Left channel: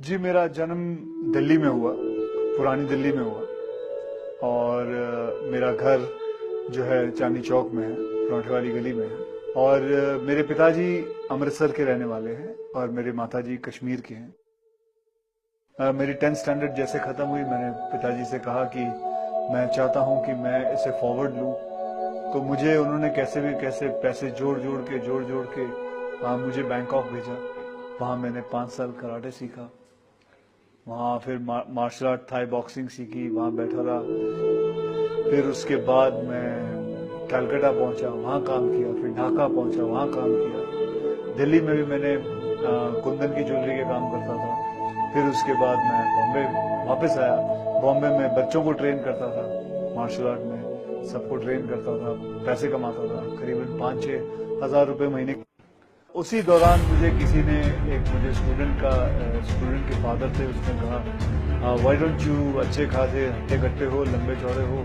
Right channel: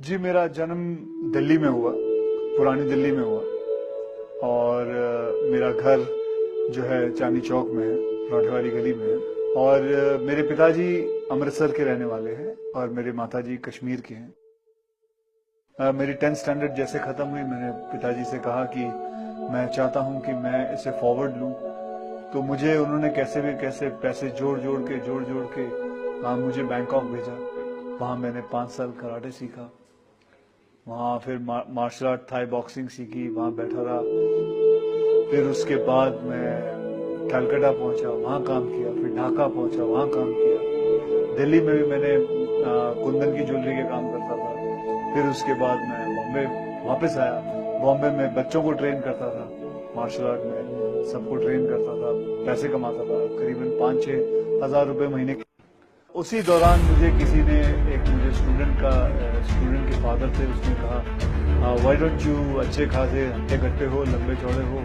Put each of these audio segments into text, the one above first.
जी, मेरा जन्म दिल्ली में हुआ, पुरानी दिल्ली में हुआ और मेरा घर जो है चांदनी चौक में है, पराठे वाली गली में है। और मेरे पिताजी अमृतसर के रहने वाले हैं और मेरे माताजी कश्मीर के हैं। मेरी 10th स्टैंडर्ड जैसे खत्म हुई, मैंने पिताजी से कहा कि मैं चाहता हूं कि मैं इसे फॉरवर्ड लूं। तो मुझे उन्होंने कैसे भी कैसे पैसे जोड़ जोड़ के मुझे बैंकॉक भेजा। वहां मैंने 5 साल कराटे सीखा। वहाँ फिर मार्शल आर्ट, थाई बॉक्सिंग सीखी, वहाँ बैठा रहा। फिर उसके बाद मैं कलकत्ता पहुंचा, वहाँ काम किया। फिर ढाका पहुंचा, वहाँ काम किया। दिल्ली में भी मैंने कुंदन की ज्वेलरी के काम करता था। फिर उसके बाद मैं बॉम्बे वापस आया। बॉम्बे में बच्चों को ट्रेन करता था, मार्शल आर्ट में सबको ट्रेन करता था, पैसे कमाता था, करीबन 5-6 हज़ार रुपए महीने। उसी दौरान मुझे किसी ने, मुझे स्टूडेंट के फादर थे, उसने कहा व्हाई डोंट यू, अच्छे खासे हट्टे कट्टे हो, लंबे चौड़े हो,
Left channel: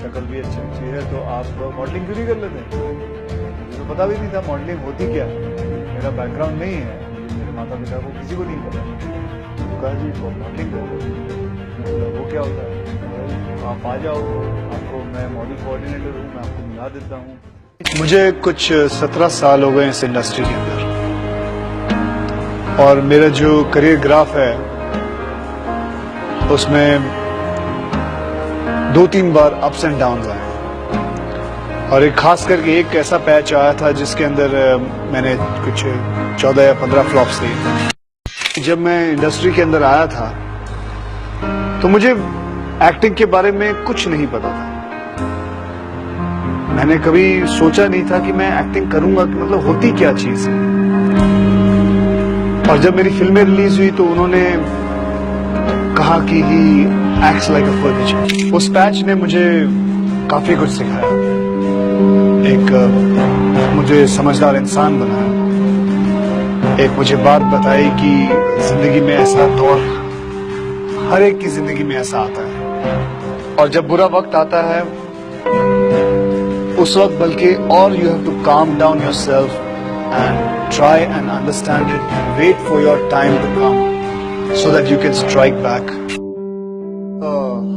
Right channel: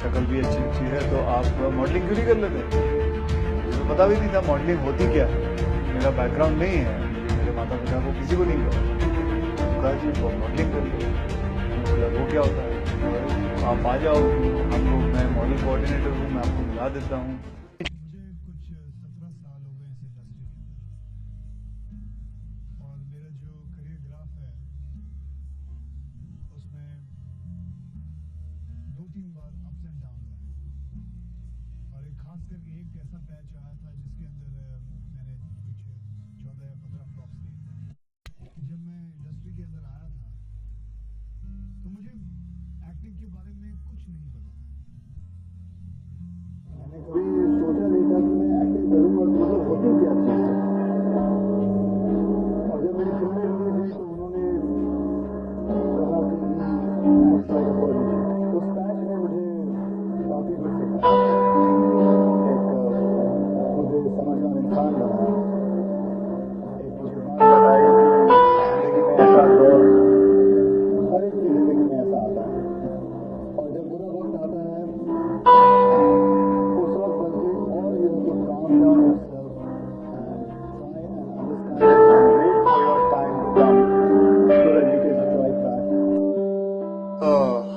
शक्ल भी अच्छी है, तो आप मॉडलिंग क्यों नहीं कर लेते। मुझे तो पता भी नहीं था मॉडलिंग होती क्या है, मेरा बैकग्राउंड नहीं है, मेरे माता पिता को किसी को नहीं पता। तो कहा जी मॉडलिंग कर लो। वो क्या होता है, आप आ जाओ, आपको मैं मॉडल कोऑर्डिनेटर हूँ, मैं आपको मिला देता हूँ। मुझे कुछ 17 साल हो गए इस इंडस्ट्री के अंदर और मेरा जो करियर ग्राफ है उसमें 2-3 बार अप्स एंड डाउन्स आए और एक खास करके एक ऐसा पैच आया था जिसके अंदर मैंने कुछ 14 या 15 फ्लॉप्स दिए। जब मैं इंडस्ट्री के अंदर आया था तो मुझे एक्टिंग के बारे में कुछ नहीं पता था। मैंने कभी सोचा नहीं था कि मैं एक्टिंग करूंगा, कि मतलब होती क्या चीज है। और जब मेरी फिल्में रिलीज हुई तो उन्होंने कहा कि he acts like a furniture. उस पैच ने मुझे काफी कुछ सिखाया, एक मुझे समझदार इंसान बनाया, एक मुझे बात बताई कि जिंदगी में ऐसा दौर, हर एक की जिंदगी में ऐसा आता है और जब बुरा वक्त आता है उस वक्त बल्कि और you have to calm down yourself and try and understand it and wait for your time to come so that you can strike back.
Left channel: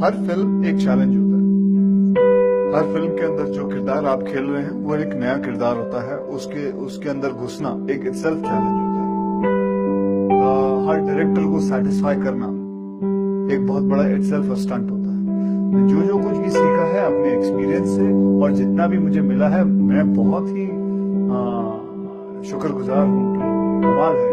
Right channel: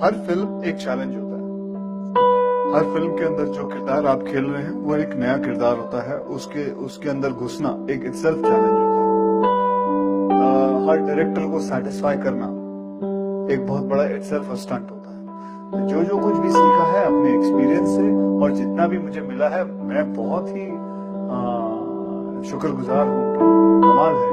हर फिल्म एक चैलेंज होता है। हर फिल्म के अंदर जो किरदार आप खेल रहे हैं वो एक नया किरदार होता है, उसके अंदर घुसना एक इटसेल्फ चैलेंज होता है। हर डायरेक्टर को सेटिस्फाई करना एक बहुत बड़ा इटसेल्फ स्टंट होता है। जो कुछ भी सीखा है अपने एक्सपीरियंस से और जितना भी मुझे मिला है, मैं बहुत ही शुक्रगुजार हूँ। कमाल है।